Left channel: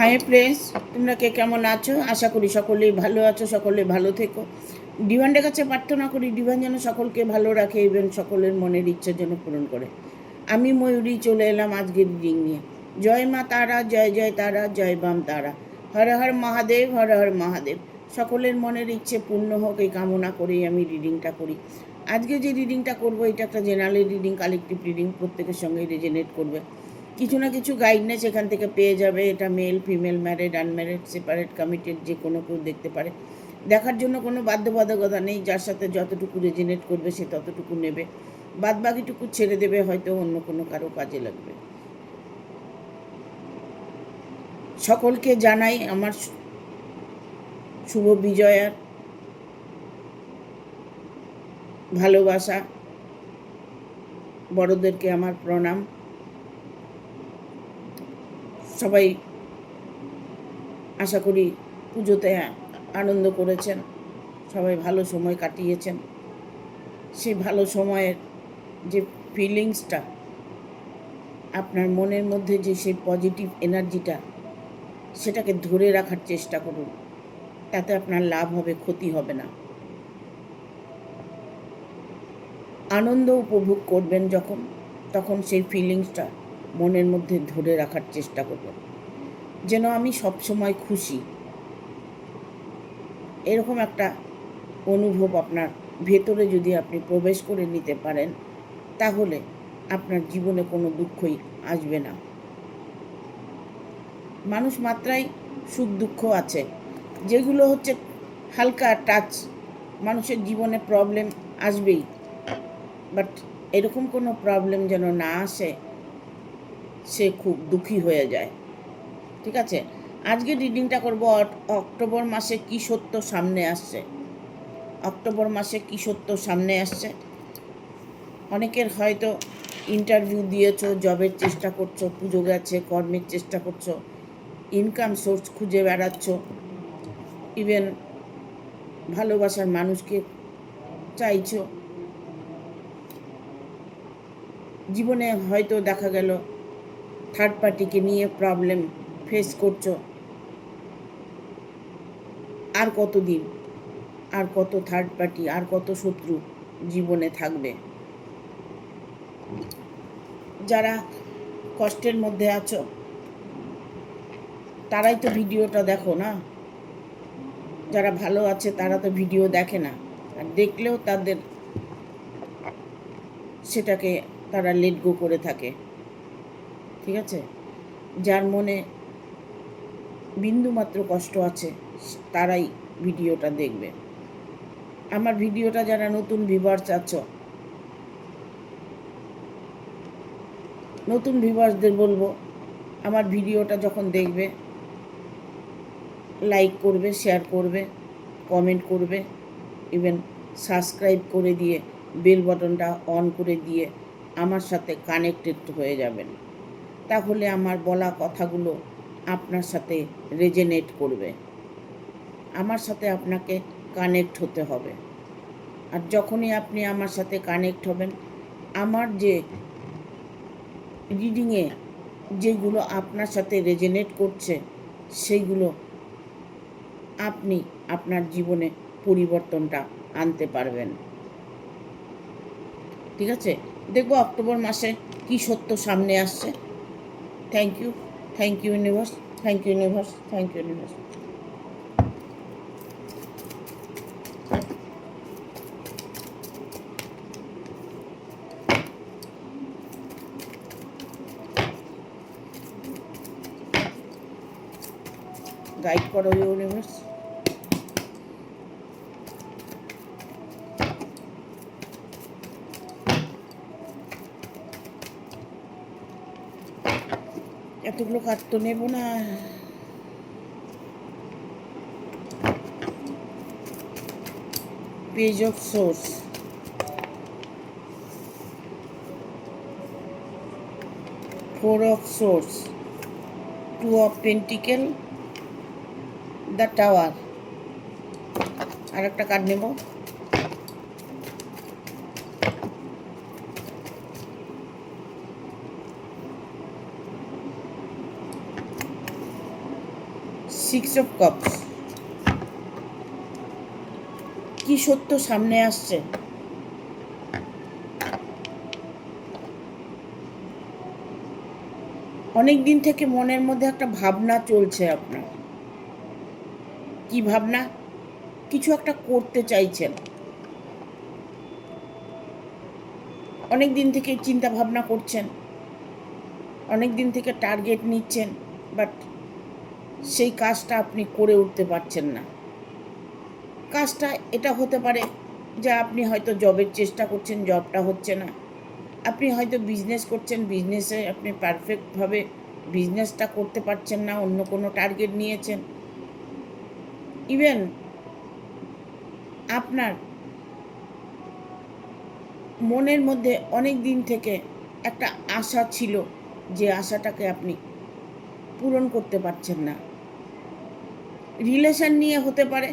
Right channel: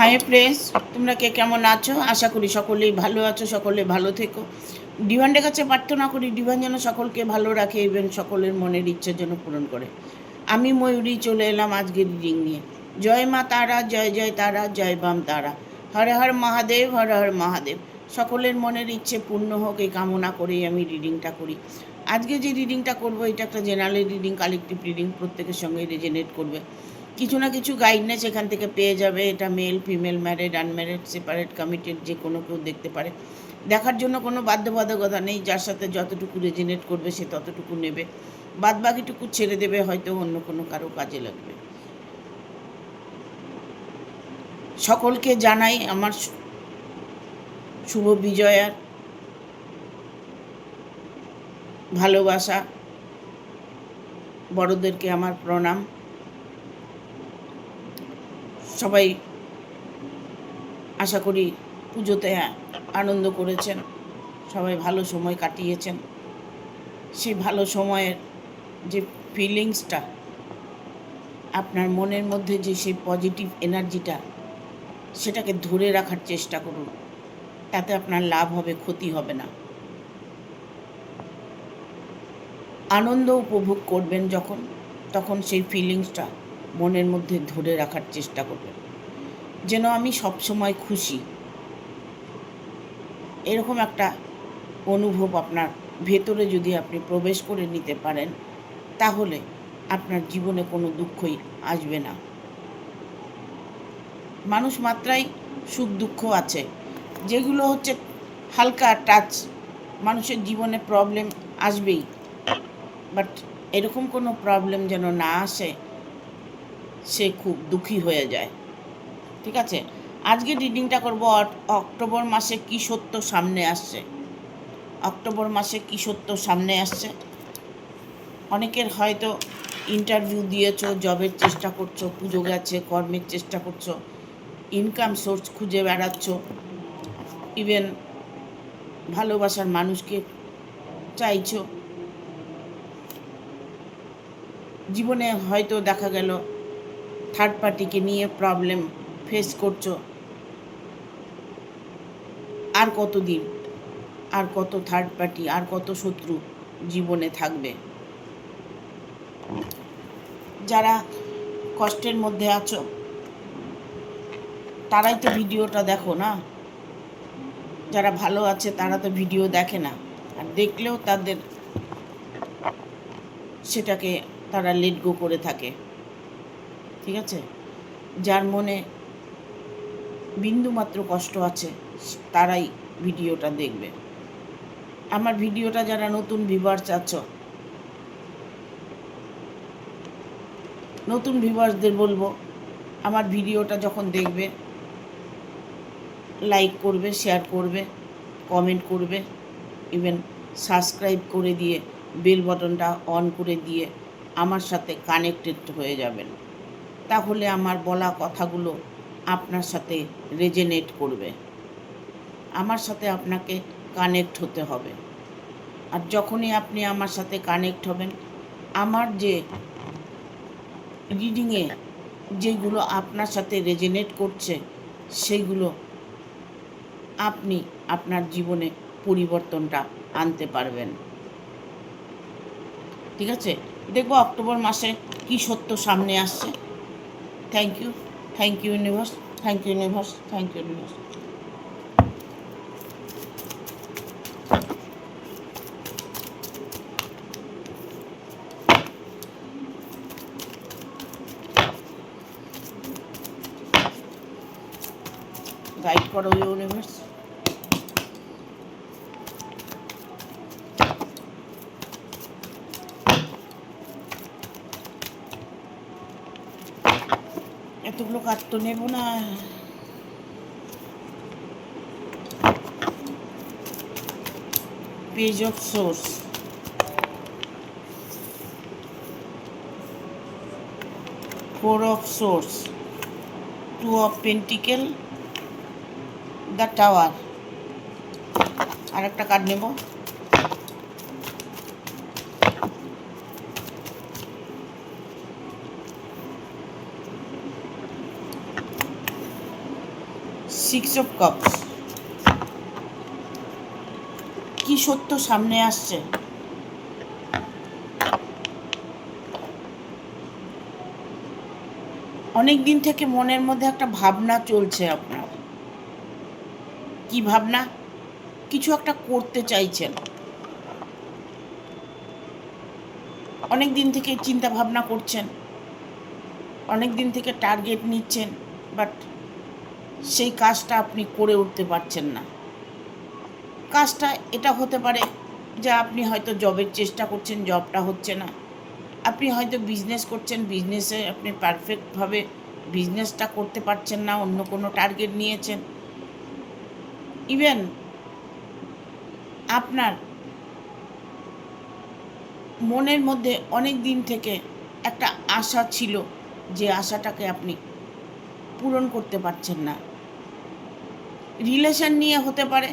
Hi friends, তোমরা কে কেমন আছো? আশা করি সকলেই ভালো আছো, সকলে ভালো থেকো। ডিভানের কাছে প্রার্থনা করি ডিভান যেন সকলকে ভালো রাখে, ইভেন সকলের মনের ইচ্ছা যেন পূরণ করে। আমি ময়ূরী চলে এলাম আজকে রিডিং নিয়ে। জয় মা তারা, জয় জয় তারা, জয় বাম তারা। হর হর মহাদেব, হর হর মহাদেব। সকলের মনের ইচ্ছে পূর্ণ হোক এই কামনা করেই আমি রিডিংটা করি। আজকে যে রিডিংটা করবো এটা একটা জেনারেল রিডিং, কালেকটিভ রিডিং, প্রত্যেকের সঙ্গে রেজনেট করবে। কিছু না কিছু গাইডনেস এখান থেকে পেয়ে যাবে। এটা male female, married unmarried, separate committed, যে কোনো কেউ দেখতে পারে। দেখার জন্য কোনো বাধ্যবাধকতা নেই, যার সাথে যতটুকু রেজনেট করবে সে ততটুকু নেবে, বাদ বাকিটুকু ছেড়ে দেবে, হয়তো অন্য কোনো কারো কাজে লাগবে। সকলকে জানাই আমার শুভ বিজয়ার ভালোবাসা, বড়দেরকে আমার প্রণাম। সবাই আশা করি পুজোতে আনন্দ করেছেন, সবাই ভালো সময় কাটিয়েছেন। সেই ভালো সময়ের যে ফিলিংসটা, আপনার মনের মধ্যে যে সেই পজিটিভ এনার্জিটা, সেটাকে ধরে রাখার চেষ্টা করুন। তাতে আপনার লাভ হবে, ক্ষতি হবে না। আনন্দ উপভোগ করবেন যখন, তখন সেই ফিলিংসটা মনের মধ্যে ধরে রাখার চেষ্টা করবেন, যেন আমি সবসময় খুশি, এরকম একটা অনুভব আপনার ভেতরে যদি আপনি প্রবেশ করে নিতে পারেন, তাহলে আপনার জীবনে কোনো দুঃখই আসবে না। মানুষ মাত্রাই সুখ দুঃখ আছে, যেগুলো হচ্ছে হালকা টাচ। মানুষের জীবনে প্রবলেম আসবেই, বাট এরকম কোনো প্রবলেম যেন না আসে সে খুব দুঃখী হয়ে যায়। ঠিক আছে, আজকে রিডিংটা করব অক্টোবর মাসে কী সত্য সামনে আসছে। অক্টোবর মাসে কী সত্য সামনে আসছে। অনেকের হয়তো ইন্টারভিউ দিয়েছো, জবের চেষ্টা করছো, পুজো গেছে, কর্মের চেষ্টা করছো, ইনকাম সোর্স খুঁজে বেড়াচ্ছ, ইভেন ভালোবাসার মানুষকে চাইছো। জীবনে হয়তো দেখা গেল থার্ড পার্টিকে নিয়ে প্রবলেম ফেস করছো। আর কতদিন, আর কত থার্ড পার্টি, আর কত শত্রু জীবনে থাকবে? যারা কষ্টের মধ্যে আছো তারাই তো ভিডিওটা দেখো না। যারা ভালো আছে তারা তো ভিডিও দেখে না, আর দেখলেও তাদের সেটাকে তারা লেট গো করে থাকে। ঠিক আছে, যার মনে বিন্দুমাত্র কষ্ট আছে তারাই ভিডিওটা দেখবে। আমার ভিডিওটা যারা নতুন ভিউয়ার্স আছো, নতুন ভিউয়ার্সদের বলবো, আমার ভিডিওটা যখন দেখবে লাইক করবে, শেয়ার করবে, কমেন্ট করবে, ইভেন সাবস্ক্রাইব করে দিয়ে বেল বাটনটা অন করে দিয়ে আমার সাথে কানেক্টেড হয়ে যাবেন। তাহলে আমার বলা কথাগুলো আপনার সাথে রেজনেট করবে। আমার সাথে আপনাকে কানেক্ট হতে হবে। আর যখনই আপনি আমার সাথে কানেক্ট হবেন, আমার যে রিডিংয়ে যেগুলো আপনার সাথে রেজনেট করছে সেইগুলো আপনি আপনার জীবনে পরিবর্তনটা আনতে পারবেন। ঠিক আছে, দেখবো অক্টোবর মাসে কী সত্য সামনে আসছে। Thank you, thank you universe, thank you universe, thank you universe. Guide করো ইউনিভার্স। এতগুলো কার্ড তো নেব না। Page of swords, four of swords, two of pentacle, the tower. আর একটা কার্ড নেব। সিক্স অফ কাপস, কি সত্য সামনে আসছে? অনেক দিন থেকে মনের মধ্যে একটা ভাবনা চলছে আপনার। কি ভাবনা? কিছু একটা করতে চাইছেন, অনেক দিন থেকে চিন্তা ভাবনা করছেন, অনেক দিন থেকে টার্গেট নিচ্ছেন, বাট সেই কাজটা আপনি করে উঠতে পারছেন না। কাজটা এটা হতে পারে যে আপনি হয়তো জবের চেষ্টা করছেন, জবটা হচ্ছে না। আপনি হয়তো বিজনেস করছেন, বিজনেসে আপনি পারফেক্টভাবে বিজনেসটা করতে পারছেন না, অন্য কোনো টার্গেট নিয়েছেন। ইভেন আপনার মনের মধ্যে অনেক দিন থেকে একটা আশা ছিল, যে আশাটাকে আপনি পূরণ করতে পারছেন না। রিলেশন নিয়ে হতে পারে,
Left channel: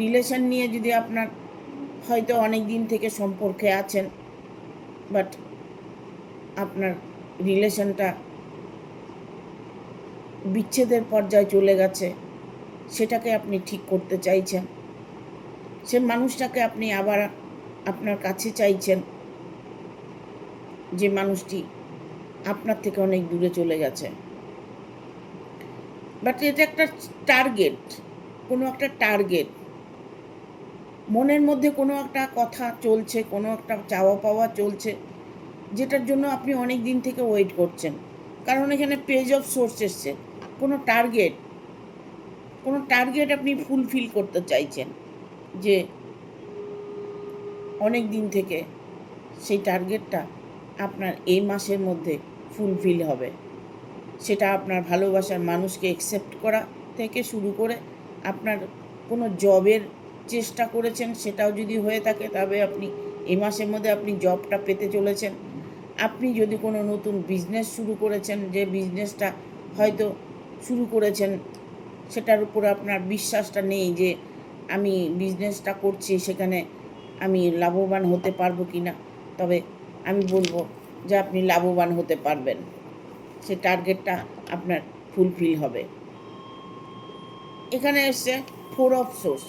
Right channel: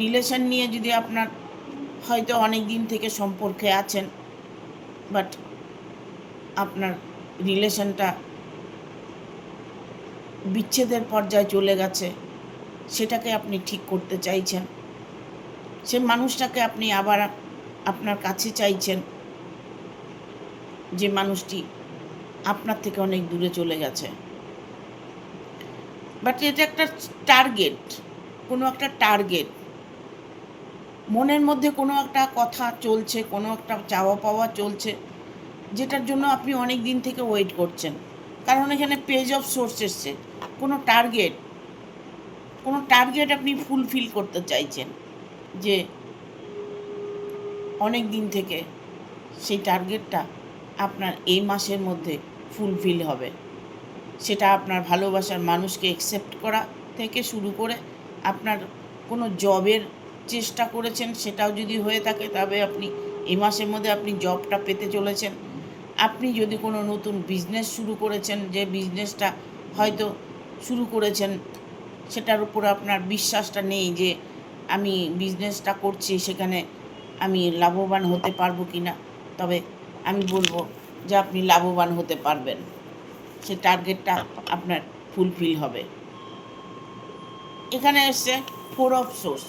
রিলেশন নিয়ে যদি আপনার হয়তো অনেক দিন থেকে সম্পর্কে আছেন, বাট আপনার রিলেশনটা বিচ্ছেদের পর্যায়ে চলে গেছে, সেটাকে আপনি ঠিক করতে চাইছেন। সে মানুষটাকে আপনি আবার আপনার কাছে চাইছেন, যে মানুষটি আপনার থেকে অনেক দূরে চলে গেছে। বাট এটা একটা টার্গেট, কোনো একটা টার্গেট মনের মধ্যে, কোনো একটা কথা চলছে, কোনো একটা চাওয়া পাওয়া চলছে, যেটার জন্য আপনি অনেক দিন থেকে ওয়েট করছেন। কারণ এখানে পেজ অফ সোর্স এসছে, কোনো টার্গেট আপনি ফুলফিল করতে চাইছেন, যে অনেক দিন থেকে সেই টার্গেটটা আপনার এই মাসের মধ্যে ফুলফিল হবে। সেটা আপনার ভালোবাসার মানুষকে অ্যাকসেপ্ট করা থেকে শুরু করে আপনার কোনো জবের চেষ্টা করেছেন, সেটাও যদি হয়ে থাকে তবে আপনি এই মাসের মধ্যে আপনি জবটা পেতে চলেছেন। আপনি যদি কোনো নতুন বিজনেস শুরু করেছেন, যে বিজনেসটা হয়তো শুরু করেছেন সেটার উপর আপনার বিশ্বাসটা নেই, যে আমি বিজনেসটা করছি সেখানে আমি লাভবান হতে পারবো কি না, তবে আমি বলবো যে আপনি লাভবান হতে পারবেন। সে টার্গেটটা আপনার ফুলফিল হবে। এখানে এসছে ফোর অফ সোর্স,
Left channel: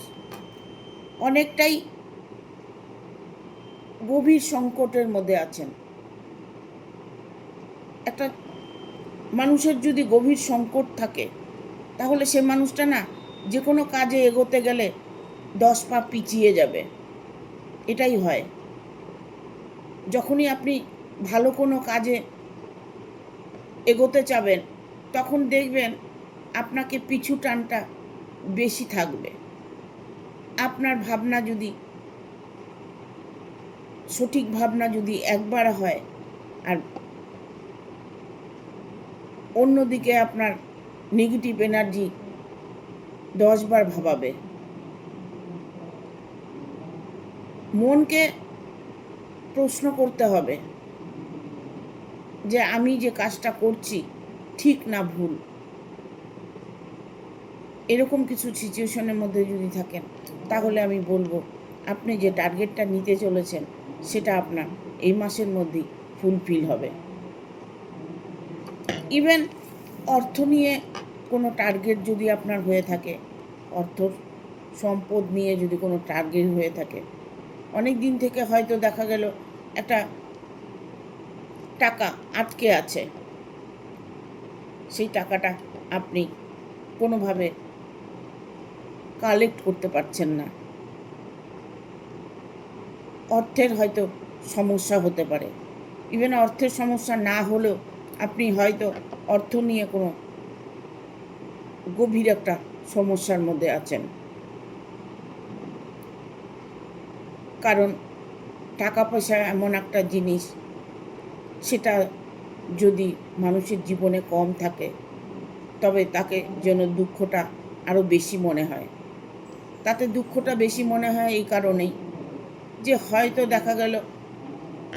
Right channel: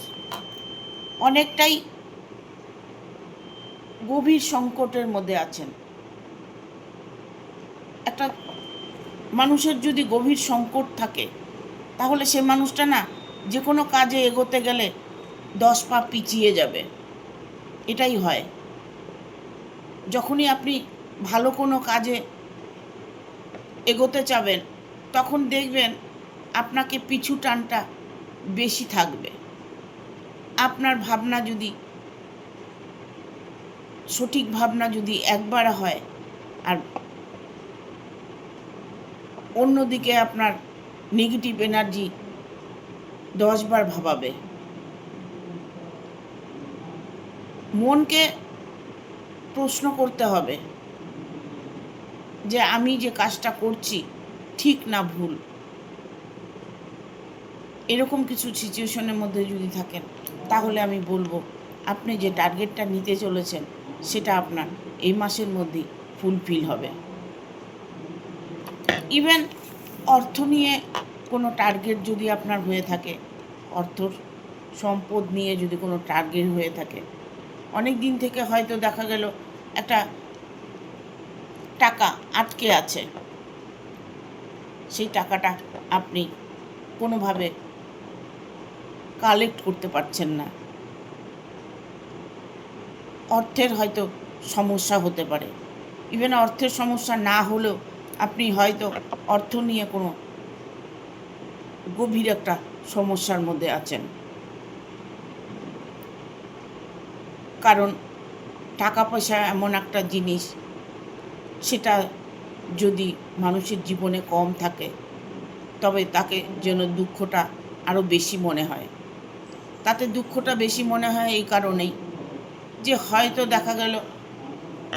অনেকটাই গভীর সংকটের মধ্যে আছেন। একটা মানুষের যদি গভীর সংকট থাকে, তাহলে সে মানুষটা না যে কোনো কাজে এগোতে গেলে 10 পা পিছিয়ে যাবে। এটাই হয়। যখনই আপনি ভালো কোনো কাজে এগোতে চাবেন, তখন দেখবেন আপনাকে পিছু টানটা বেশি থাকবে। আপনার ভাবনা যদি সঠিক ভাবনা যদি একবার হয়, আর অন্যদিকে আপনার নেগেটিভ এনার্জি 10 বার ভাবাবে। মনকে প্রশ্ন করতে হবে যে আমি যে কাজটা করছি ঠিক না ভুল। এরকম কিছু সিচুয়েশনের মধ্যে যদি থাকেন, তাহলে আমি বলবো আপনি যে টার্গেটটা নিতে চলেছেন সেটা আপনার এই মাসের মধ্যেই ফুলফিল হবে। ইভেন অর্থ নিয়ে কোনো টার্গেট যদি আপনার হয়ে থাকে, অর্থ সম্পদ নিয়ে যদি কোনো টার্গেট হয়ে থাকে, অনেক দিন থেকে হয়তো দেখা গেল একটা টাকা আটকে আছে, সেই টাকাটা আপনি কোনোভাবে কালেক্ট করতে পারছেন না। অর্থের হয়তো সমস্যা হতে পারে। ইভেন অর্থের সমস্যা না হলেও আপনি হয়তো অর্থ নিয়ে কোনো গভীর একটা সমস্যার মধ্যে আছেন। কারণ টাকা পয়সা এমন একটা জিনিস, সেটা যদি মানুষের জীবনে কম থাকে, তবে তাকে যেন দুঃখটা আরও বেশি মনে হয়। তাতে দুঃখটা বেশি মনে হয় এই কারণেই যে হয়তো দেখা গেল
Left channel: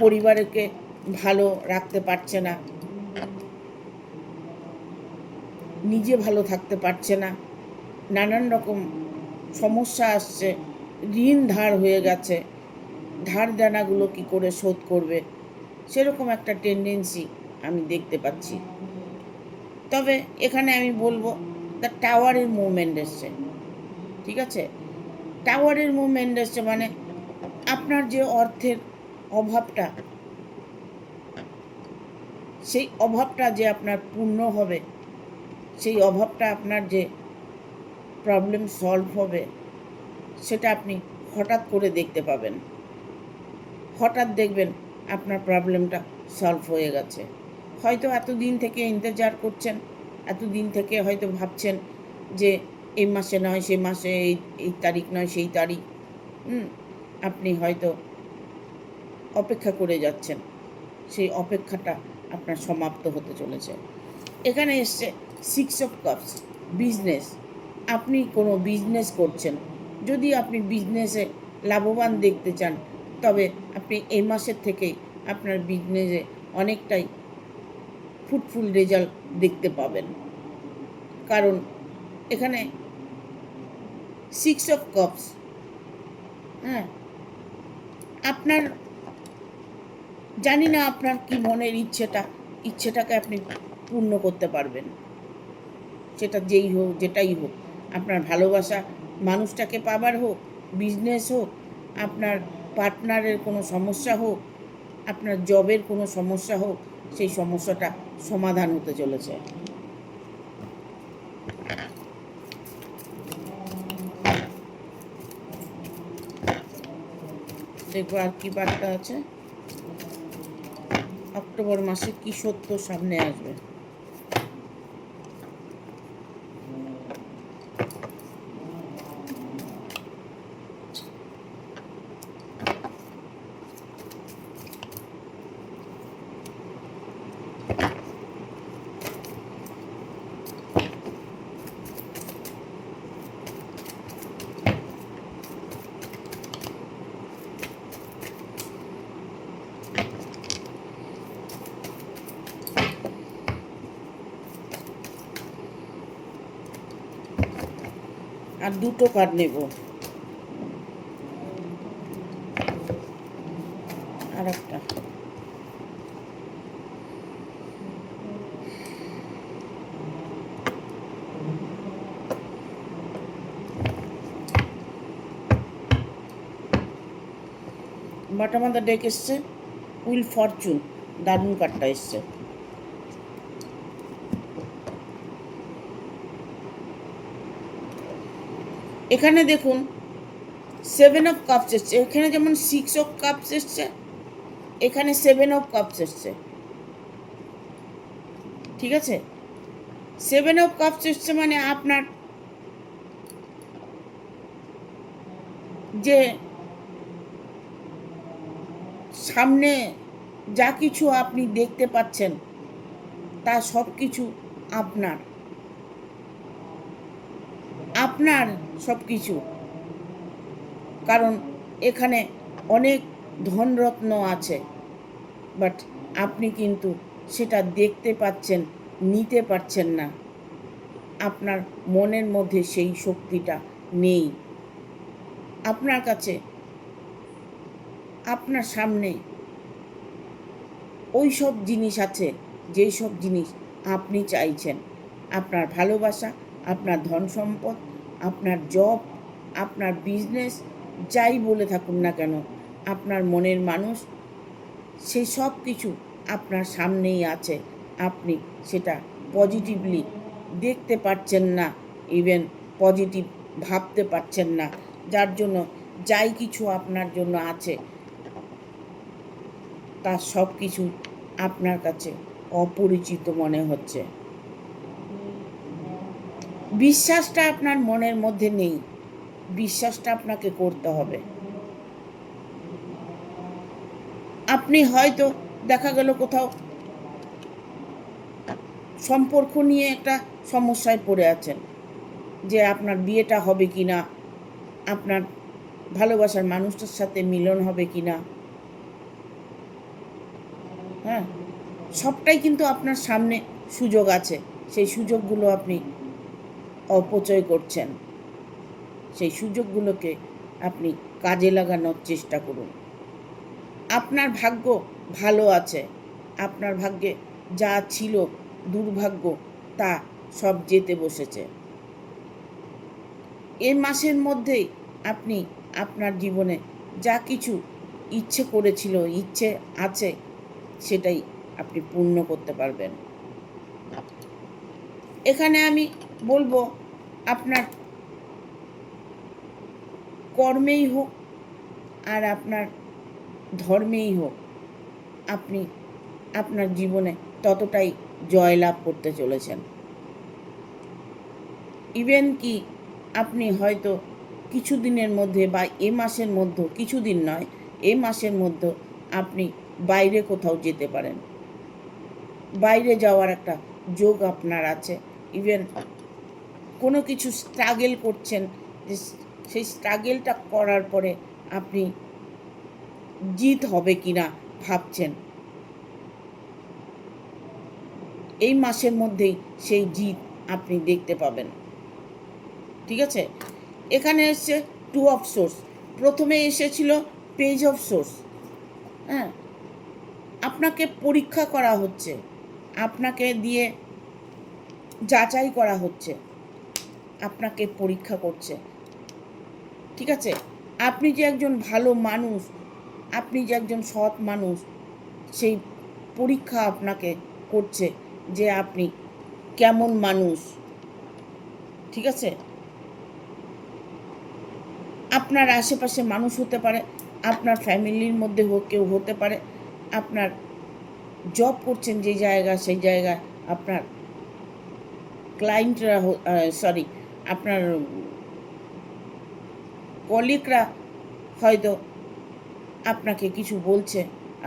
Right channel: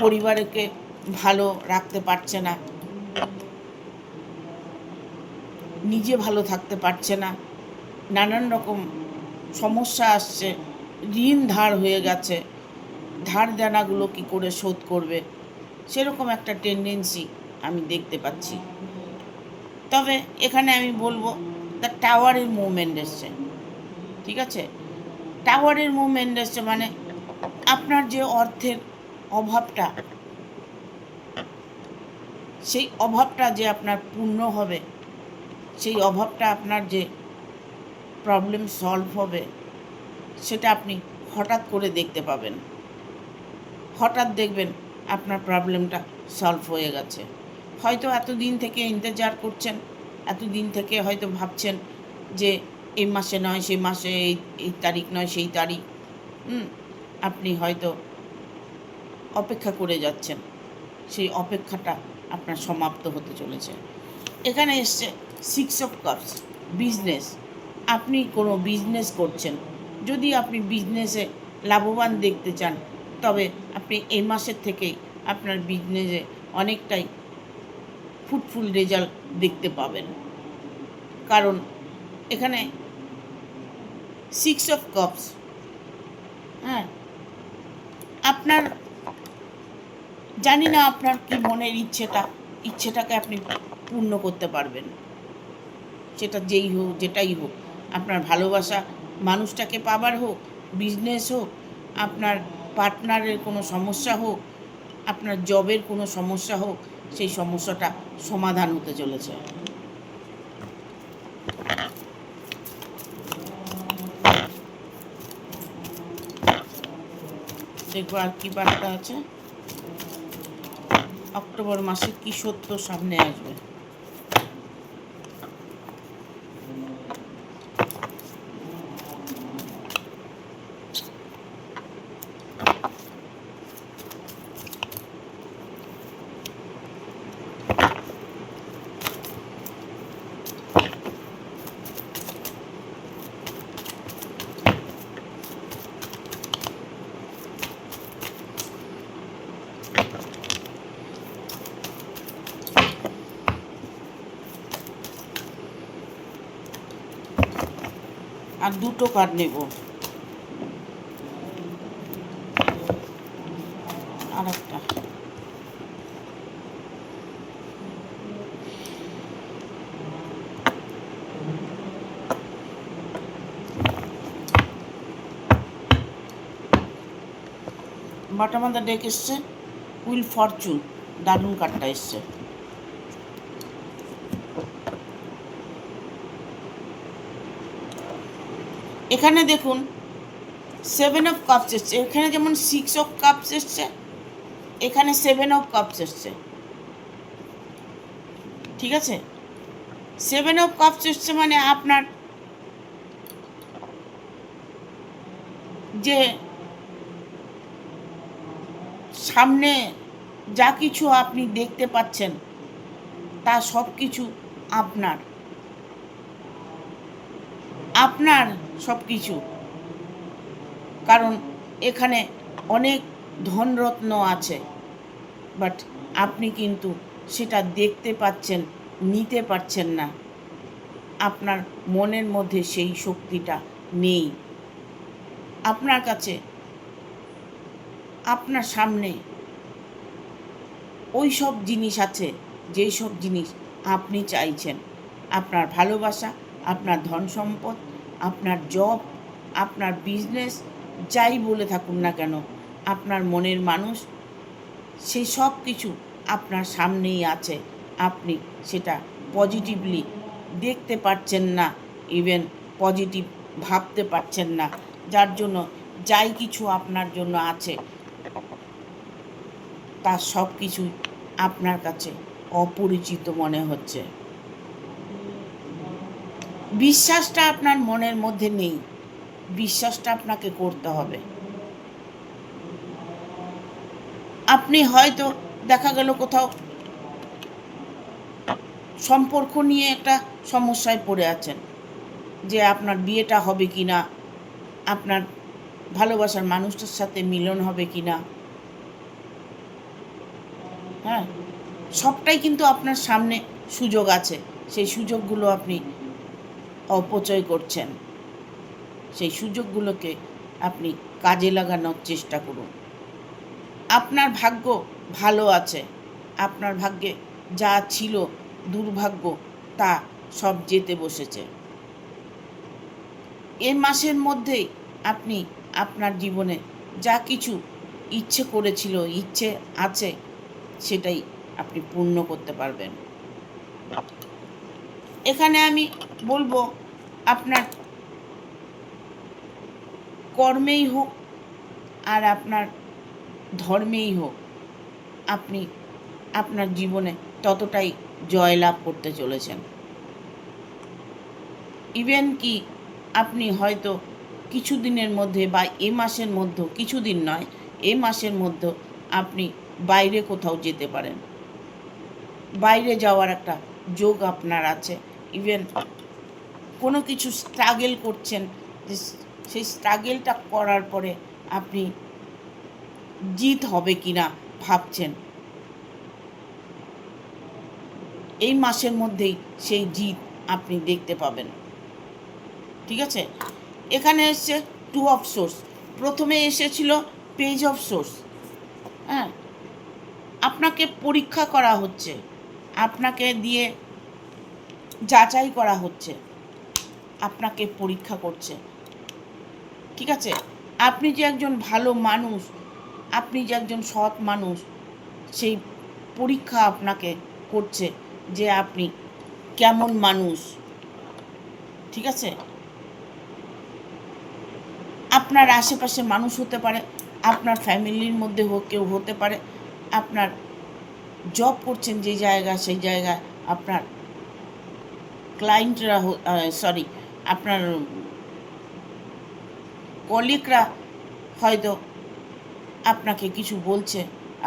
পরিবারকে ভালো রাখতে পারছে না, নিজে ভালো থাকতে পারছে না, নানান রকম সমস্যা আসছে, ঋণ ধার হয়ে গেছে, ধার দেনাগুলো কী করে শোধ করবে, সেরকম একটা টেন্ডেন্সি আমি দেখতে পাচ্ছি। তবে এখানে আমি বলবো দ্য টাওয়ারের মুভমেন্ট এসছে, ঠিক আছে? টাওয়ারের মুভমেন্ট এসছে মানে আপনার যে অর্থের অভাবটা, সেই অভাবটা যে আপনার পূর্ণ হবে, সেই অভাবটা আপনার যে প্রবলেম সলভ হবে, সেটা আপনি হঠাৎ করে দেখতে পাবেন। হঠাৎ দেখবেন আপনার প্রবলেমটা সলভ হয়ে গেছে। হয়তো এতদিন থেকে ইন্তজার করছেন, এতদিন থেকে হয়তো ভাবছেন যে এই মাসে নয় সে মাসে, এই তারিখ নয় সেই তারিখ, আপনি হয়তো অপেক্ষা করে যাচ্ছেন, সেই অপেক্ষাটা আপনার সমাপ্ত হতে চলেছে। এখানে এসছে 6 অফ কাপস, বিজনেস। আপনি কোনো বিজনেস করছেন, যদি আপনি বিজনেসে লাভবান দেখতে চান, তবে আপনি এই মাসের থেকেই আপনার বিজনেসে অনেকটাই ফ্রুটফুল রেজাল্ট দেখতে পাবেন। কারণ এখানে 6 অফ কাপস, হ্যাঁ, আপনার জানি না আপনার কি মনের ইচ্ছেটাকে আপনি পূর্ণ করতে পারবেন, সেটা যেই হোক, যেটাই হোক, আপনার ভালোবাসা মানুষটাকে পাবার হোক, বিজনেস হোক, আপনার পার্টনারের কোনো সমস্যা হোক, আপনার জবের কোনো সমস্যা হোক, সেই সমস্যাটা সমাধান হতে চলেছে। দেখবো আর কি বার্তা আছে, অক্টোবর মাসে কি সত্য সামনে আসবে। আর দুটো কার্ড নেব, আর একটা বটম অফ দ্য ডেক এসছে উইল ফরচুন, দারুণ কার্ডটা এসছে। এখানে দেখুন 7 অফ কাপস এসছে, এখানে যেমন 6 অফ কাপস এসছে, এখানে 7 অফ কাপস এসছে, ঠিক আছে? 7 অফ কাপস এসছে মানে আপনার যে সামনে যা কিছু আপনি দেখতে পাচ্ছেন, তা সব কিছু আপনার আপনার সব কিছু। কারণ এখানে অনেক ধনরত্ন আছে, বাট আপনি কিন্তু সেটা দেখতে পাচ্ছেন, নিতে পারছেন না। আপনার মনের মধ্যে সেই শক্তিটা নেই। আপনার কাছে, আপনার সামনে ওই সব জিনিস আছে যেই সব জিনিস আপনি চাইছেন। আপনার ভালোবাসা, আপনার ধন সম্পদ, আপনার জব, আপনার বিজনেস, যাই বলে থাকুন না কেন, আপনার মনের মানুষ, সেই সব কিছু আপনার সামনেই আছে। আপনি সেটা পজিটিভলি দেখতে পাচ্ছেন না, ইভেন পজিটিভ ভাবতে পারছেন না, যার জন্য যাই কিছু আপনার জন্য আছে তার সব কিছু আপনার কাছে অপরিচিত মনে হচ্ছে। বিশ্বাসটা আপনার মনের মধ্যে নেই, বিশ্বাসটা আপনাকে করতে হবে। আপনি হয়তো দেখা গেল কোথাও সম্পর্ক নিয়ে একটা সমস্যায় পড়ে আছেন, যে আপনার বিয়েটা হবে কি না, আপনার ভালোবাসার মানুষটার সাথে মিলন হবে কি না, হ্যাঁ, সবটাই কিন্তু আপনার সামনে সুযোগ আছে, সেই সুযোগগুলো আপনি অপচয় করছেন। সেই সুযোগগুলোকে আপনি কাজে লাগানোর চেষ্টা করুন। আপনার ভাগ্য ভালো আছে, আপনার ভাগ্যে যা ছিল দুর্ভাগ্য তা সব যেতে বসেছে। এই মাসের মধ্যেই আপনি আপনার জীবনে যা কিছু ইচ্ছে করেছিল, ইচ্ছে আছে, সেটাই আপনি পূর্ণ করতে পারবেন। এখানে আমি বলবো, আপনার কর্মেই হোক আর আপনার ধর্মেই হোক, আপনি আপনার জীবনে ততটাই জয়লাভ করতে চলেছেন। ইভেন কি আপনি হয়তো কিছুদিনের মধ্যে বা এ মাসের মধ্যে, কিছুদিন নয়, এ মাসের মধ্যে আপনি বাইরে কোথাও যেতে পারেন। বাইরে যাওয়ার একটা যোগ আপনার আছে। ইভেন কোনো কিছু স্ট্রাগল করছেন, যে সেই স্ট্রাগলটা করার পরে আপনি জিত হবে কিনা ভাবছেন, এই মাসের মধ্যেই সেই জিত আপনি দেখতে পাবেন। ঠিক আছে, এখানে এসছে 2 অফ সোর্স, প্রথমে এসেছিল পেজ অফ সোর্স। হ্যাঁ, আপনাকে পরীক্ষা করা হচ্ছে, আপনাকে দিয়ে যাচাই করা হচ্ছে, আপনাকে পরীক্ষা করছে। ঠিক আছে, আপনি যে একজন ভালো মানুষ, আপনি যে একজন সৎ মানুষ, সেই পরীক্ষা আপনাকে করছে যে আপনি কেমন মানুষ। ঠিক আছে, আপনার আশেপাশে মানুষ হতে পারে, আপনার ফ্যামিলির মধ্যে কেউ হতে পারে, আপনার জব করছেন যে জায়গা, সেই জায়গায় আপনার ক্লায়েন্টরা, আপনার কলিগরা হয়তো আপনাকে কিছু বলছে,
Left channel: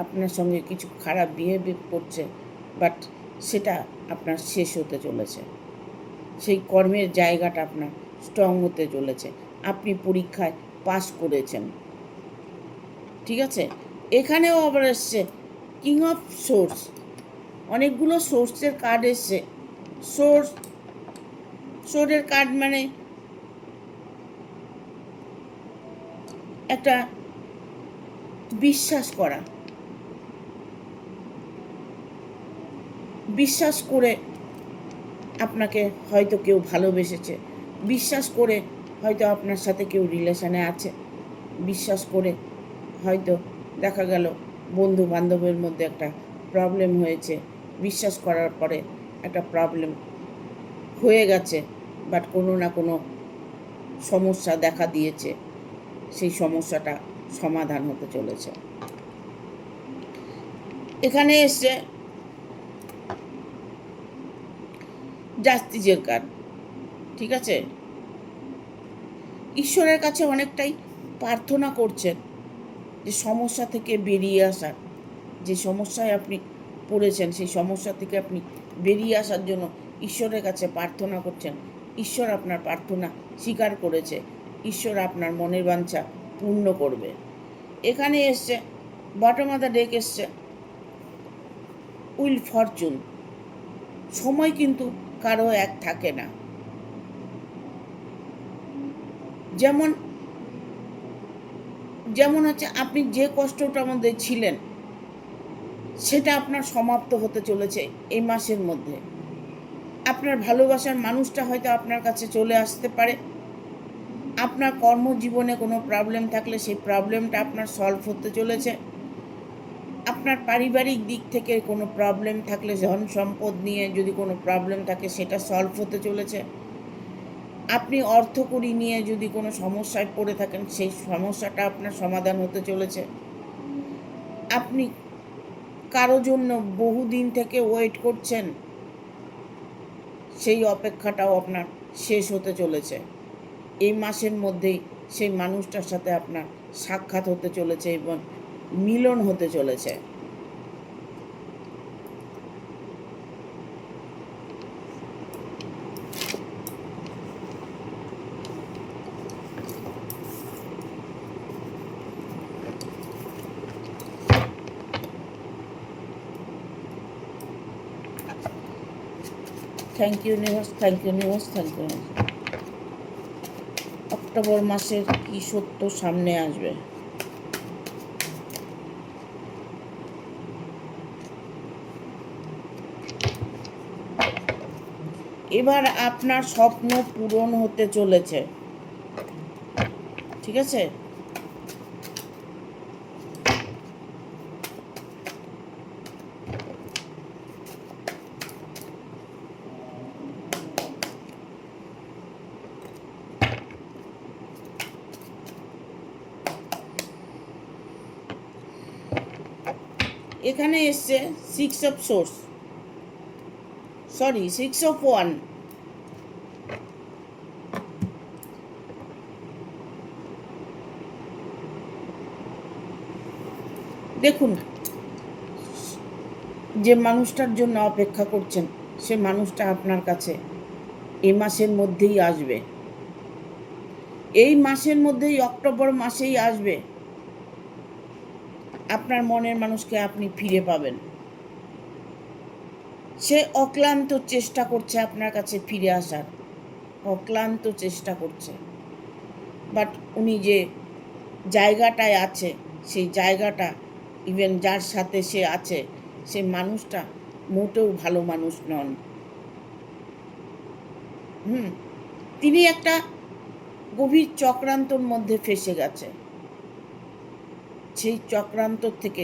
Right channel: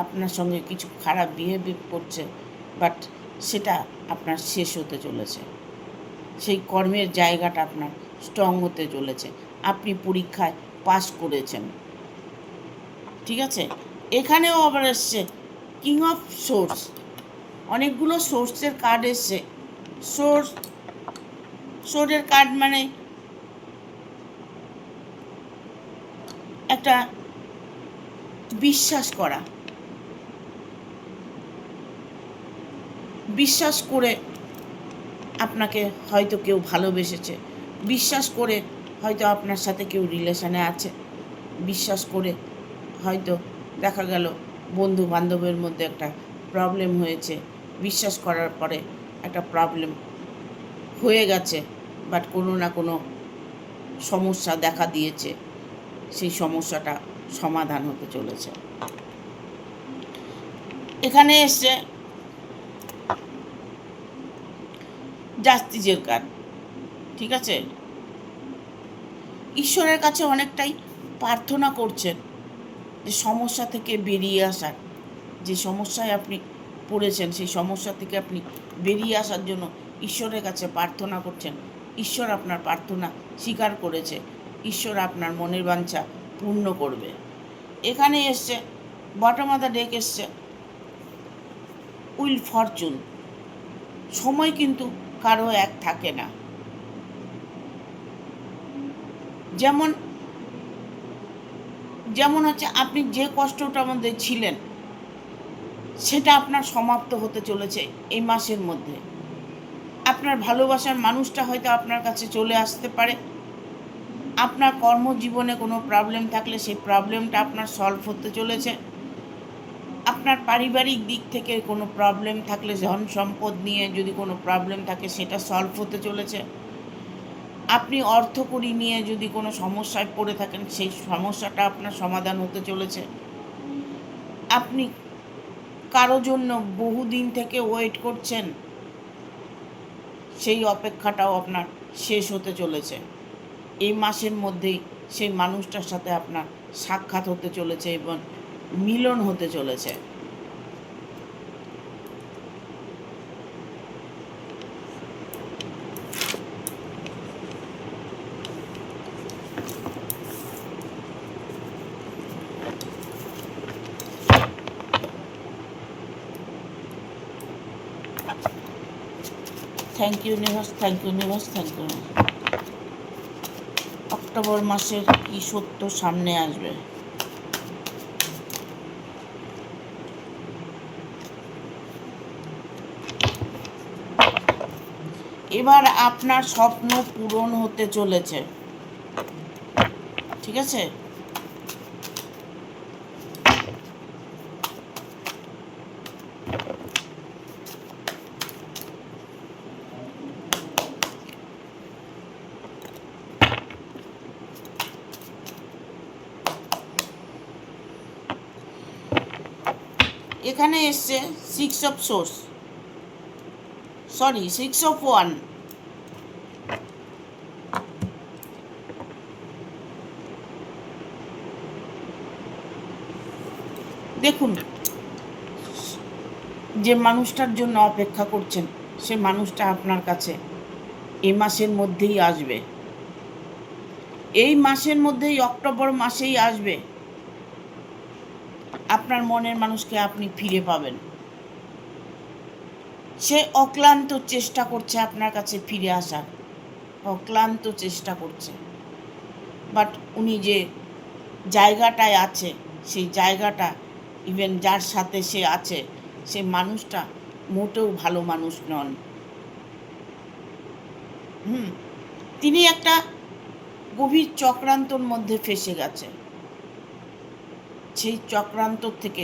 আপনার সঙ্গে কিছু খারাপ বিহেভিয়ার করছে, বাট সেটা আপনার শেষ হতে চলেছে। সেই কর্মের জায়গাটা আপনার স্ট্রং হতে চলেছে, আপনি পরীক্ষায় পাস করেছেন। ঠিক আছে, এখানেও আবার এসছে কিং অফ সোর্স, অনেকগুলো সোর্সের কার্ড এসছে। সোর্সের কার্ড মানে একটা বিশ্বাস করা, বিশ্বাস করে আপনাকে হয়তো কেউ ভালোবেসেছে, বিশ্বাস করে হয়তো আপনার সাথে কেউ রিলেশনে আছে, বিশ্বাস করে হয়তো দেখা গেল বন্ধু বান্ধবের মধ্যে একটা প্রবলেম হয়েছে, বিশ্বাস করার পরে একটা প্রবলেম হয়ে গেছে, বাট কোনো না কোনো সমস্যা দেখা দিয়েছে, সেই সমস্যাটা সমাধান হতে চলেছে। এখানে এসছে জাস্টিসের কার্ড। ঠিক আছে, ঈশ্বরের কাছে অনেকটাই প্রার্থনা করছেন যে সমস্যা থেকে বেরিয়ে আসার, যে সমস্যায় আপনি পড়েছেন সেই সমস্যা থেকে আপনি বেরিয়ে আসার জন্য ঈশ্বরের কাছে প্রার্থনা করছেন। ঈশ্বর আপনার প্রার্থনা স্বীকার করেছে, ঈশ্বর আপনার মনের বাঞ্ছা পূর্ণ করবে। এখানে এসছে বটম অফ দ্য ডেক এসছে উইল ফরচুন। সময় কিন্তু কারো এক থাকে না। যেমন যেমন হচ্ছে আপনি যে কষ্টটার মধ্যে ছিলেন সেটা আপনার সমাপ্ত হতে চলেছে এই মাসের মধ্যে। আপনার ভালোবাসার মানুষটা হয়তো আপনার কাছে চলে আসতে পারে। আপনার কর্মজীবনে কোনো প্রবলেম থাকলে সেই প্রবলেমটা আপনার সলভ হতে চলেছে। আপনার পারিবারিক দিক থেকে কোনো প্রবলেম থাকলে, ধন সম্পদ নিয়ে যদি কোনো প্রবলেম থাকে, সেটা সলভ হতে চলেছে। আপনি অর্থকড়ি নিয়ে যদি কোনো সমস্যায় পড়ে থাকেন, সেই সমস্যাটা আপনার সমাধান হতে চলেছে। আপনি কারো জন্য বহুদিন থেকে ওয়েট করছেন, সেই অপেক্ষাটাও আপনার শেষ হতে চলেছে। এই মাসের মধ্যেই সেই মানুষটার সাথে আপনার সাক্ষাৎ হতে চলেছে এবং মিলন হতে চলেছে। Thank you universe, thank you universe, thank you. October মাসের কি সত্য সামনে আসবে? এবার আপনার স্বপ্ন পূরণ হতে চলেছে। ঠিক আছে? এখানে এসছে 6 of swords, sorry 6 of one. দেখুন, যে মানুষটার জন্য অপেক্ষা করছেন সে মানুষটা আপনার কাছে এই মাসের মধ্যেই আসবে, এই মাসের মধ্যেই, অক্টোবর মাসেই আসবে। আপনার মনের মানুষকে আপনি ফিরে পাবেন। সে অক্লান্ত চেষ্টা করছে আপনার কাছে ফিরে আসার, অক্লান্ত চেষ্টা করছে। বাট উনি যে জায়গাটায় আছে, সেই জায়গাটা, ইভেন যার সাথে সে আছে, সে মানুষটা মোটেও ভালো মানুষ নন। তিনি একটা গভীর চক্রান্তর মধ্যে ফেসে গেছে। সেই চক্রান্ত থেকে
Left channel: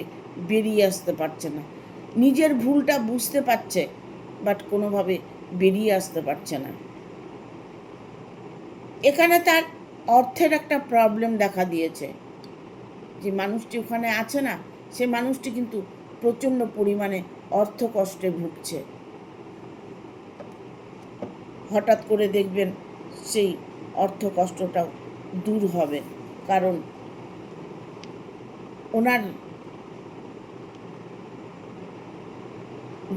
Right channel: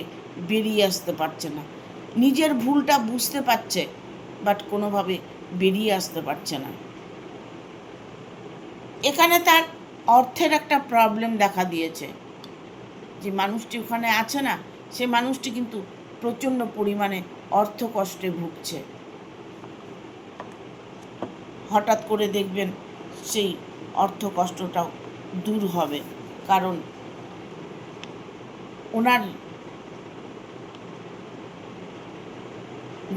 বেরিয়ে আসতে পারছে না। নিজের ভুলটা বুঝতে পারছে, বাট কোনোভাবে বেরিয়ে আসতে পারছে না। এখানে তার অর্থের একটা প্রবলেম দেখা দিয়েছে। যে মানুষটি ওখানে আছে না, সে মানুষটি কিন্তু প্রচণ্ড পরিমাণে অর্থ কষ্টে ভুগছে। হঠাৎ করে দেখবেন সেই অর্থ কষ্টটাও দূর হবে, কারণ ওনার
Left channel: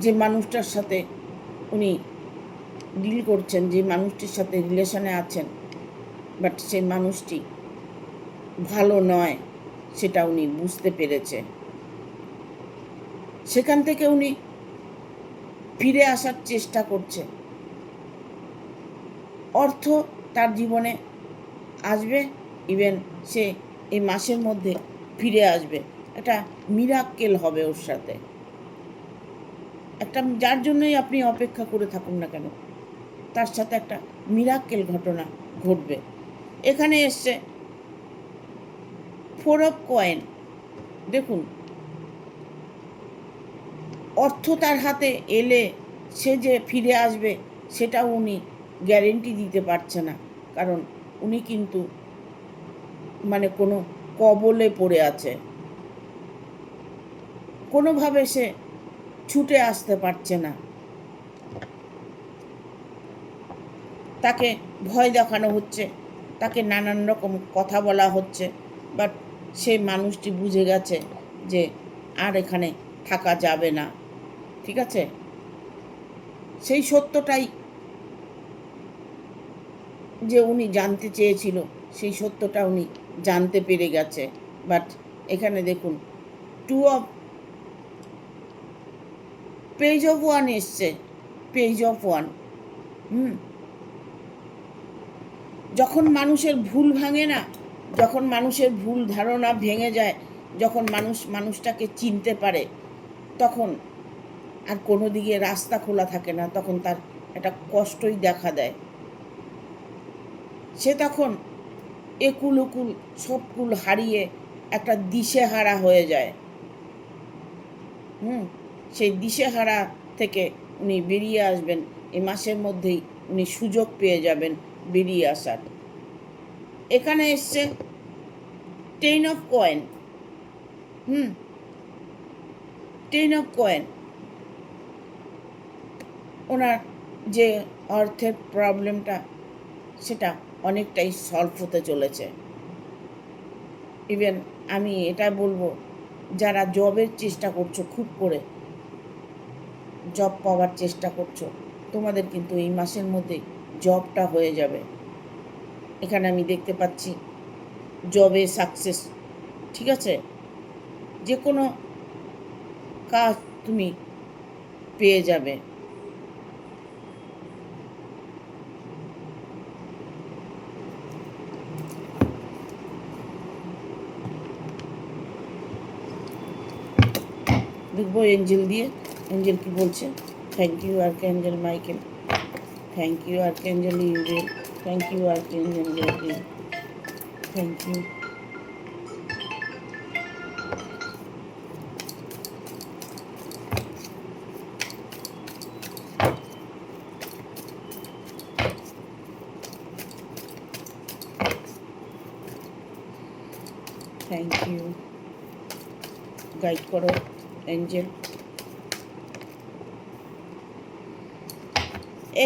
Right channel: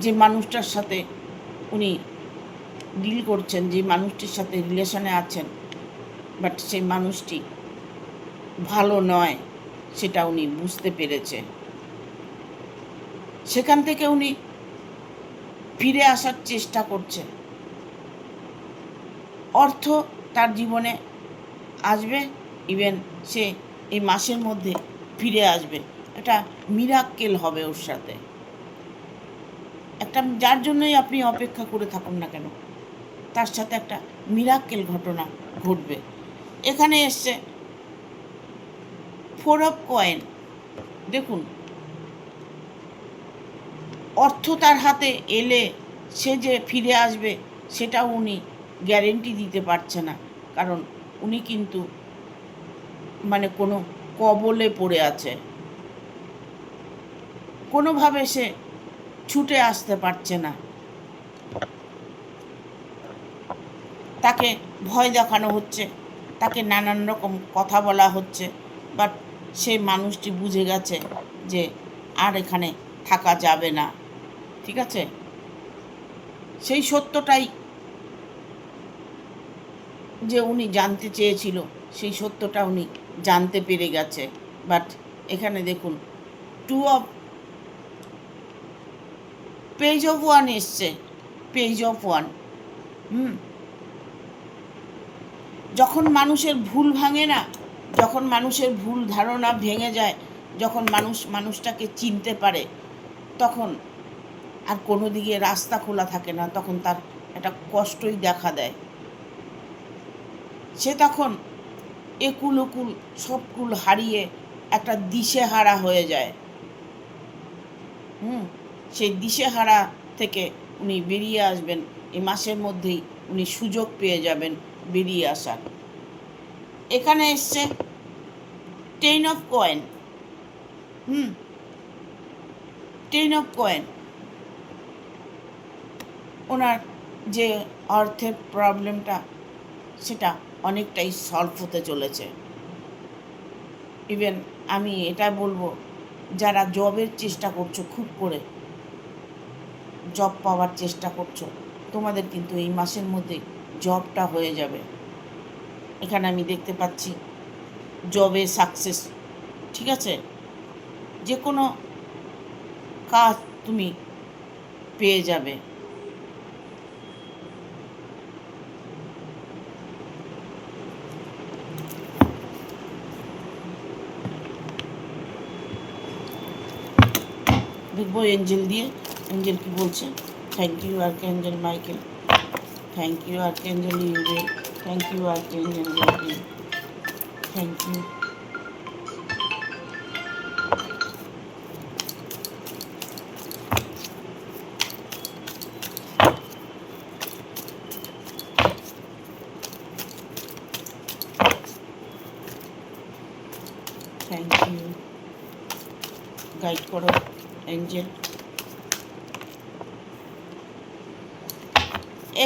যে মানুষটার সাথে উনি ডিল করছেন, যে মানুষটির সাথে রিলেশনে আছেন, বাট সেই মানুষটি ভালো নয়, সেটা উনি বুঝতে পেরেছে। সেখান থেকে উনি ফিরে আসার চেষ্টা করছে। অর্থ তার জীবনে আসবে, ইভেন সে এই মাসের মধ্যে ফিরে আসবে। এটা মিরাক্কেল হবে ওর সাথে, একটা যার জন্যই আপনি অপেক্ষা করে থাকুন না কেন, তার সাথে একটা মিরাক্কেল ঘটনা ঘটবে। এখানে এসছে 4 অফ কয়েন। দেখুন, অর্থ তার হাতে এলে সে যে ফিরে আসবে সেটাও উনি গ্যারেন্টি দিতে পারছে না, কারণ উনি কিন্তু মানে কোনো কবলে পড়ে আছে। কোনোভাবে সে ছুটে আসতে পারছে না। তাকে ভয় দেখানো হচ্ছে, তাকে নানান রকম কথা বলা হচ্ছে, বাট সে মানুষটি বুঝে গেছে যে আর এখানে থাকা যাবে না। ঠিক আছে? সেই সত্যটাই যে উনি জানতে চেয়েছিল, সেই সত্যটা উনি জানতে পেরে গেছে। বাট এখানে দেখুন 2 অফ পেজ অফ ওয়ান এসছে, পেজ অফ ওয়ান। যখন মানুষের ভুল ভাঙে না, যখন মানুষের ভুল ধারণা ভেঙে যায়, যখন মানুষটাকে চিনতে পারে, তখন আর কোনো দিকে রাস্তা খোলা থাকে না, তখন তার একটা কষ্টই দেখা দেয়। সে তখন একুল ওকুল সবকুল হারিয়ে একটা দিশেহারা হয়ে যায়। সেই দিশেহারা থেকে উনি বেরিয়ে আসবেন, এই মাসের মধ্যেই উনি সুযোগ পেয়ে যাবেন বেরিয়ে আসার। এখানে এসছে 10 অফ কয়েন। 10 of coin. ওনার যে অর্থের প্রবলেমটা, সেটা অনেকটাই সলভ হতে চলেছে। ইভেন আমি এটা বলবো, যারা জবের চেষ্টা করছো, খুব করে জব পাওয়ার চেষ্টা করছো, তোমাদের কিন্তু এই মাসের মধ্যে জবটা হয়ে যাবে। এখানে আমি দেখতে পাচ্ছি জবে সাকসেস। ঠিক আছে? যে কোনো কাজ তুমি পেয়ে যাবে। দেখবো এঞ্জেল দিয়ে, এঞ্জেল কি বলছে। Thank you archangel Michael, thank you archangel Uzziel, thank you archangel Gabriel. Thank you. Thank you. Guide করো এঞ্জেল।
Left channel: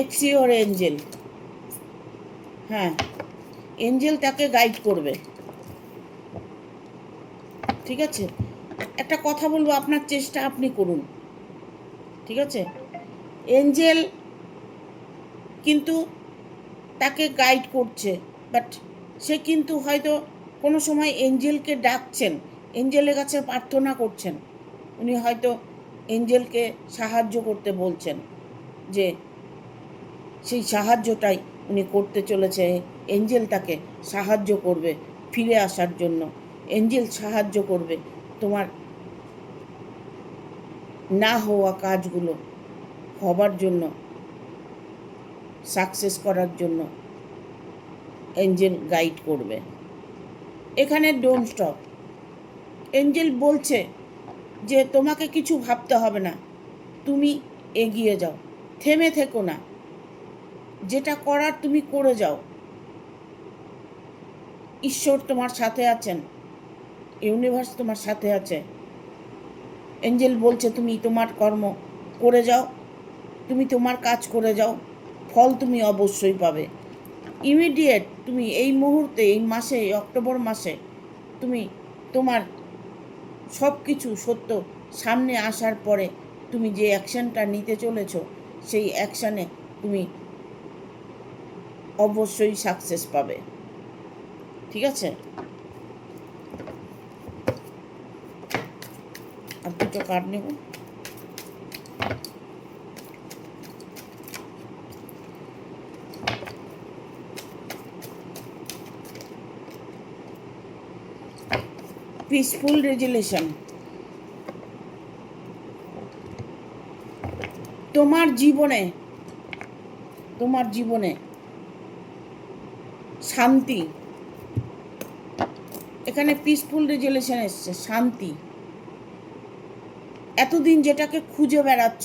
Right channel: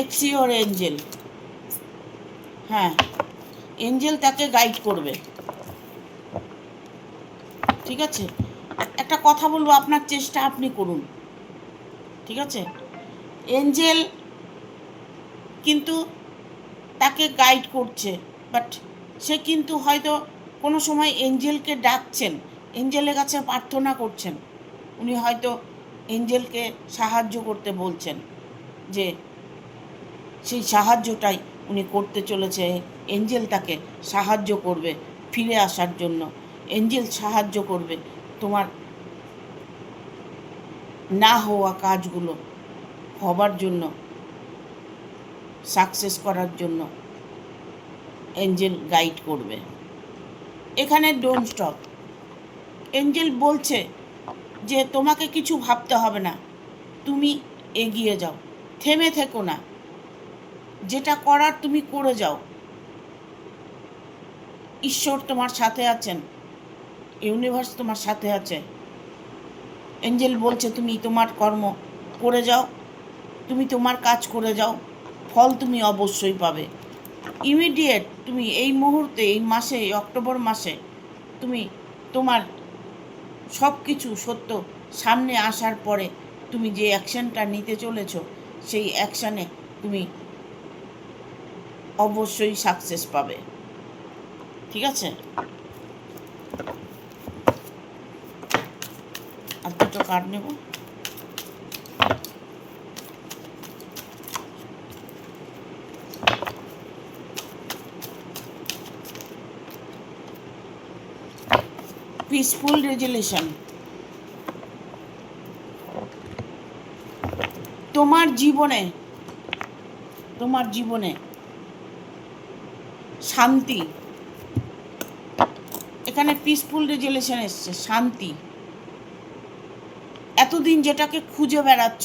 এক্সিওর এঞ্জেল। হ্যাঁ, এঞ্জেল তাকে গাইড করবে। ঠিক আছে, একটা কথা বলবো, আপনার চেষ্টা আপনি করুন। ঠিক আছে, এঞ্জেল কিন্তু তাকে গাইড করছে, বাট সে কিন্তু হয়তো কোনো সময় এঞ্জেলকে ডাকছেন, এঞ্জেলের কাছে প্রার্থনা করছেন। উনি হয়তো এঞ্জেলকে সাহায্য করতে বলছেন, যে সেই সাহায্যটাই উনি করতে চলেছে। এঞ্জেল তাকে সাহায্য করবে ফিরে আসার জন্য। এঞ্জেল সাহায্য করবে তোমার না হওয়া কাজগুলো হবার জন্য, সাকসেস করার জন্য এঞ্জেল গাইড করবে। এখানে ডোন্ট স্টপ। এঞ্জেল বলছে যে তোমাকে কিছু ভাবতে হবে না, তুমি এগিয়ে যাও, থেমে থেকো না, যেটা করার তুমি করে যাও। ঈশ্বর তোমার সাথে আছেন, ইউনিভার্স তোমার সাথে আছে। এঞ্জেল বলছে তুমি তোমার কর্ম করে যাও, তুমি তোমার কাজ করে যাও, ফল তুমি অবশ্যই পাবে। ইমিডিয়েট তুমি এই মুহূর্তে, এই মাসে, এই অক্টোবর মাসে তুমি তোমার সব কিছু সত্য সামনে আসার পরে তুমি যে অ্যাকশানটা নিতে চলেছ, সেই অ্যাকশানে তুমি অবশ্যই সাকসেস পাবে। ঠিক আছে, আর দুটো কার্ড নেব। Peaceful resolution. তোমার জীবনে শান্তি, এখানে পিসফুল রেজুলেশন এসছে, শান্তি। এতদিন যেটাকে খুঁজে বেড়াচ্ছ,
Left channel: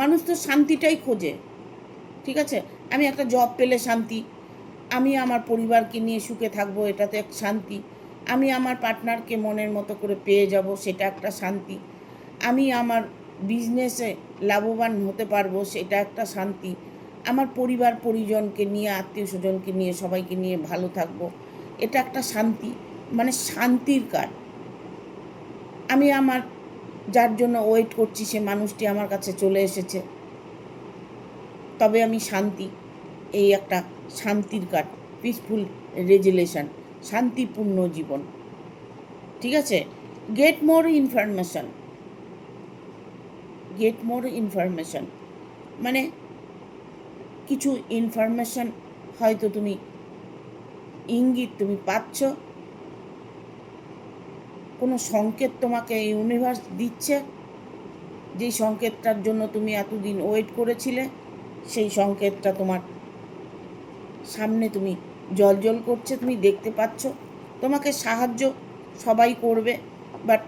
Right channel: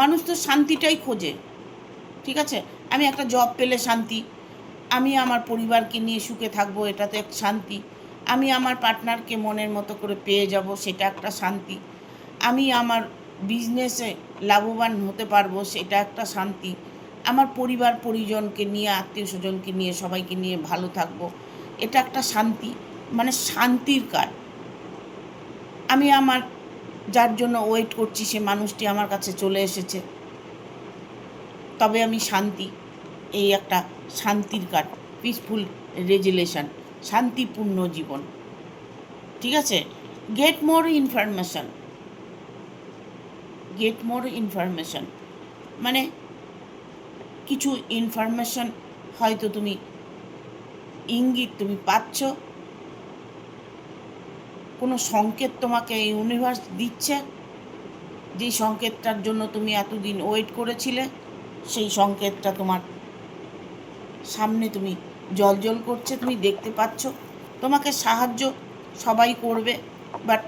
মানুষ তো শান্তিটাই খোঁজে। ঠিক আছে, আমি একটা জব পেলে শান্তি, আমি আমার পরিবারকে নিয়ে সুখে থাকবো, এটাতে এক শান্তি। আমি আমার পার্টনারকে মনের মতো করে পেয়ে যাব, সেটা একটা শান্তি। আমি আমার বিজনেসে লাভবান হতে পারবো, সেটা একটা শান্তি। আমার পরিবার পরিজনকে নিয়ে, আত্মীয় স্বজনকে নিয়ে, সবাইকে নিয়ে ভালো থাকবো, এটা একটা শান্তি। মানে শান্তির কার্ড। আমি আমার যার জন্য ওয়েট করছি, সে মানুষটি আমার কাছে চলে এসেছে, তবে আমি শান্তি। এই একটা শান্তির কার্ড, পিসফুল রেজুলেশন, শান্তিপূর্ণ জীবন। ঠিক আছে, get more information. Get more information মানে কিছু ইনফরমেশন হয়তো তুমি ইঙ্গিত তুমি পাচ্ছ, কোনো সংকেত তোমাকে ইউনিভার্স দিচ্ছে, যেই সংকেতটার জন্য তুমি এতদিন ওয়েট করেছিলে, সেই সংকেতটা তোমার সামনে তুমি জ্বলজ্বল করছে, তুমি দেখতে পাচ্ছ। তোমাকে সাহায্য সবাই করবে, বাট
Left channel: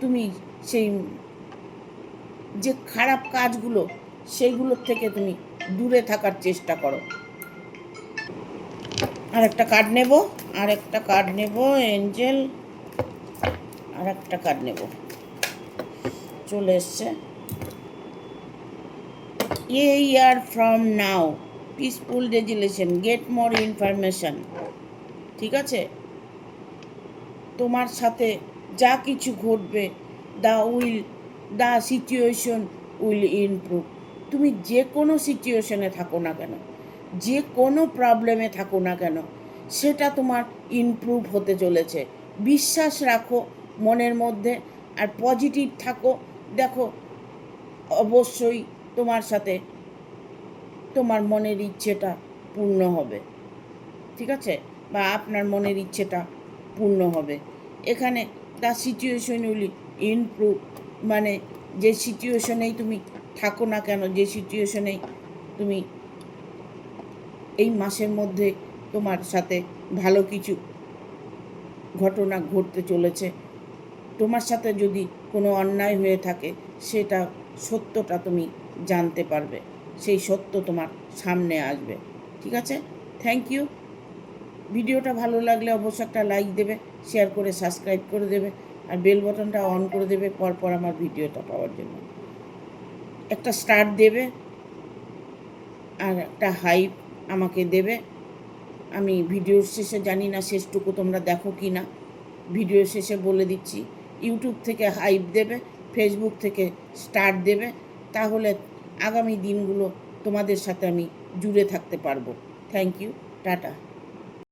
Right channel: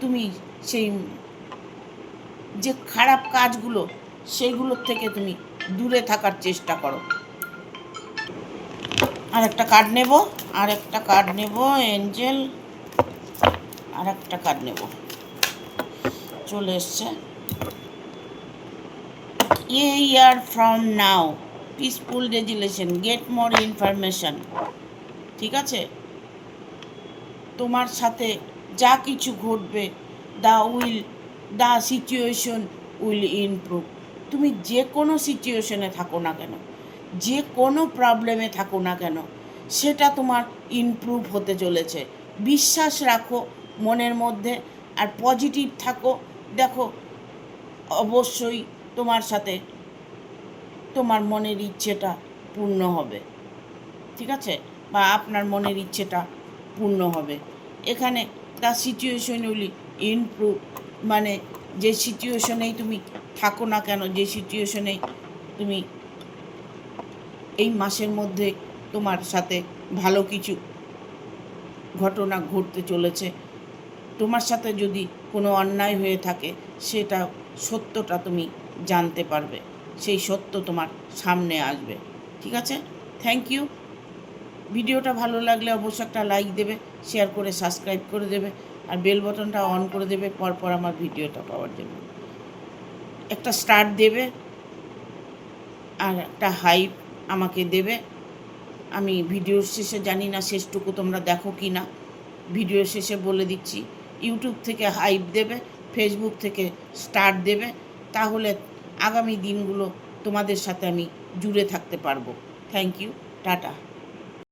তুমি সেই যে খারাপ কাজগুলো, সেইগুলোর থেকে তুমি দূরে থাকার চেষ্টা করো। আর একটা কার্ড নেব, এঞ্জেল। আর একটা কার্ড নেব, চলে এসছে। ইয়ার from now, peaceful resolution, get more information. ঠিক আছে, তোমার সাথে যা কিছু ঘটবে, দ্য সিচুয়েশন উইল ইমপ্রুভ। তুমি যে কোনো সিচুয়েশনে থাকো না কেন, যে কোনো প্রবলেমে থাকো না কেন, সেটা তোমার ইমপ্রুভ হতে চলেছে। বিশ্বাস রাখো মনের মধ্যে, আর পজিটিভ থাকো। দেখো, অবশ্যই তোমার সাথে তোমার মনের ইচ্ছেটা পূর্ণ হবে। ঠিক আছে, বা আপনার মনের ইচ্ছেটা পূর্ণ হবে। এখানে দ্য সিচুয়েশন উইল ইমপ্রুভ, মানে যে সিচুয়েশনেই তুমি থাকো না কেন, যে সিচুয়েশনেই তুমি এই মাসের মধ্যে তোমার সাথে ভালো কিছু ঘটনা ঘটতে চলেছে। তোমার সাথে যদি কোনো অন্যায় হয়ে থাকে সেটা সত্যটা তুমি জানতে পারবে, সেই সত্য তোমার সামনে আসবে। ঠিক আছে, থ্যাংক ইউ। ভিডিওটা ভালো লাগলে অবশ্যই একটা লাইক দেবে, শেয়ার করে সাবস্ক্রাইব করে দেবে, আর বেল বাটনটা অন করে দেবে পরপর আমার ভিডিওটা পাওয়ার জন্য। একটা স্টার দেবে আর একটা হাইপ আমাকে দেবে। আমি ভিডিওর শেষে, জানি না শেষটুকু তোমরা দেখো কি না, ভিডিওর শেষে বলে দিচ্ছি, ইউটিউব থেকে হাইপ দেবে, ফেসবুক থেকে স্টার দেবে, তাহলে আগামী দিনগুলো তোমাদের সাথে আমি জুড়ে থাকতে পারবো। Thank you, tata.